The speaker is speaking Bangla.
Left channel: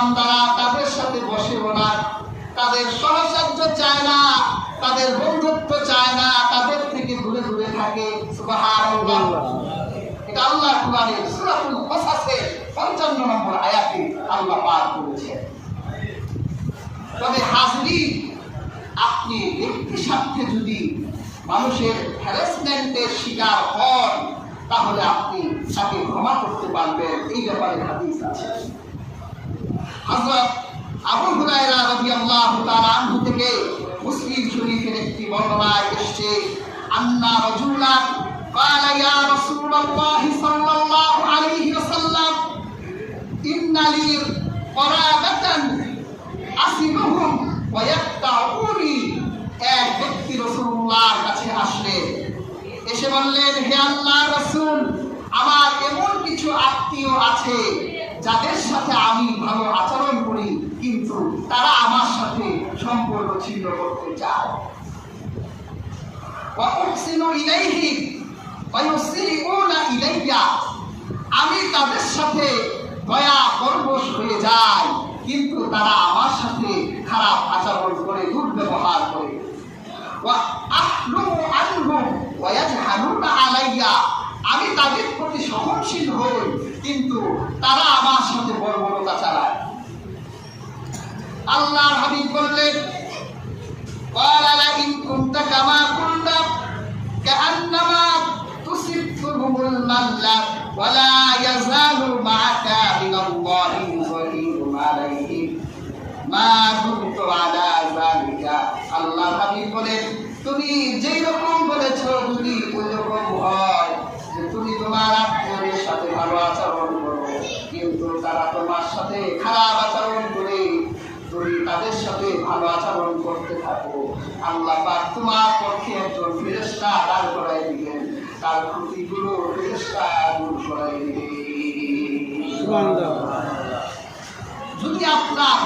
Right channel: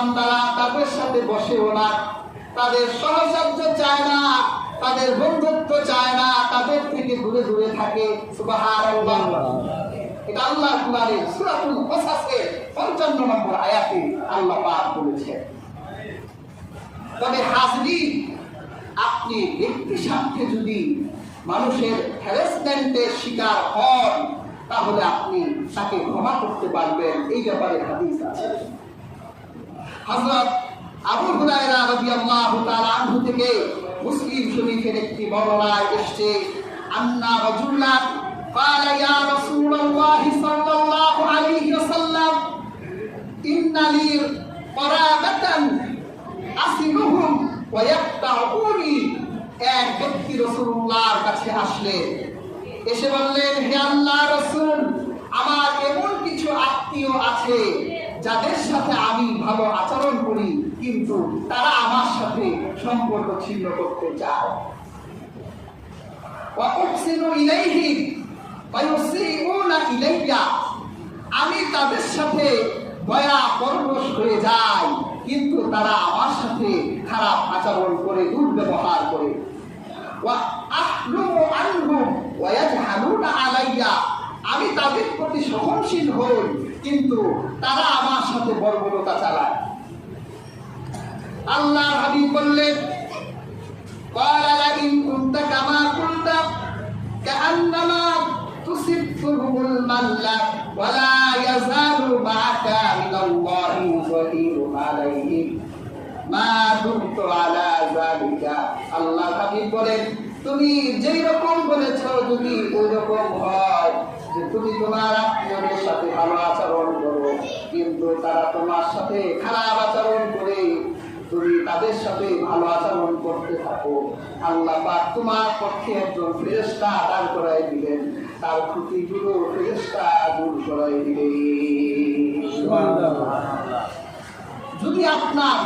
বান্দারা তাদের সাথে বসেও না, তাদের সহচর্য চায় না, তাদের বন্ধুত্ব চায় না, তাদের থেকে দূরে দূরে থাকে। সুবহানাল্লাহ। এটা আল্লাহ কুরআনের সূরাতুল কাসাসের 55 নম্বর আয়াতে আল্লাহ পাক বলেছেন। তবে হাজরিন, আপনি ব্যক্তি স্বার্থে যদি মানুষের হ্যারাসমেন্টের শিকার হন, তাহলে আপনি তাকে ক্ষমা করতে পারবেন, এই ব্যাপারে হাদিস আছে। হযরত আবু হুরায়রা রাদিয়াল্লাহু তাআলা আনহু থেকে মুসলিম শরীফের একটি বর্ণনায় এসেছে, আন্না রাজুলান ক্বালা ইয়া রাসূলুল্লাহ সাল্লাল্লাহু আলাইহি ওয়াসাল্লাম ইন্না লি করাবাতান আসিবুহুম ওয়া ইয়াক্তাউনি। এক ব্যক্তি রাসূলুল্লাহর কাছে আসলেন, এসে বললেন, হে আল্লাহর রাসূল, আমার এমন কিছু আত্মীয় আছে যাদের সাথে আমি ভালো আচরণ করি, কিন্তু তারা আমার সাথে সম্পর্ক ছিন্ন করতে চায়। ওয়া উহসিনু ইলাইহিম ওয়া ইউসিউনা ইলাইয়া। আমি তাদের সাথে দয়া পরবশ হয়ে যাই, কিন্তু তারা আমার সাথে খারাপ আচরণ করে, দুর্ব্যবহার করে। ওয়া আহলুমু আনহুম ওয়া ইয়াজহালুনা আলাইয়া। আমি তাদের প্রতি সহনশীল হই, কিন্তু তারা আমার সাথে বর্বরতা চালায়। আল্লাহর হাবিব বললেন, ক্বালা লা ইন কুনতা কামা কুনতা কাআন্নামা তুসিবুহুমুল মাল্লা ওয়া লা ইয়াযালু মা'আকা মিনাল্লাহি যাহিরুন আলাইহিম মা দুমতু আলা যালিকা। আল্লাহর হাবিব বলেন, তুমি যেই রকম বলেছো যদি ওই রকম হয়, যে তুমি তোমার আত্মীয়দের সাথে ভালো আচরণ করো, কিন্তু তারা তোমার সাথে খারাপ আচরণ করে, তুমি তাদের সাথে ভালো আচরণ করতে থাকো, আল্লাহ পাক তোমার পক্ষে একজন ফেরেশতা দাঁড় করাই দিবেন, তার ক্ষতিগুলো ফেরেশতা দূর করাই দিবেন। যদি আপনার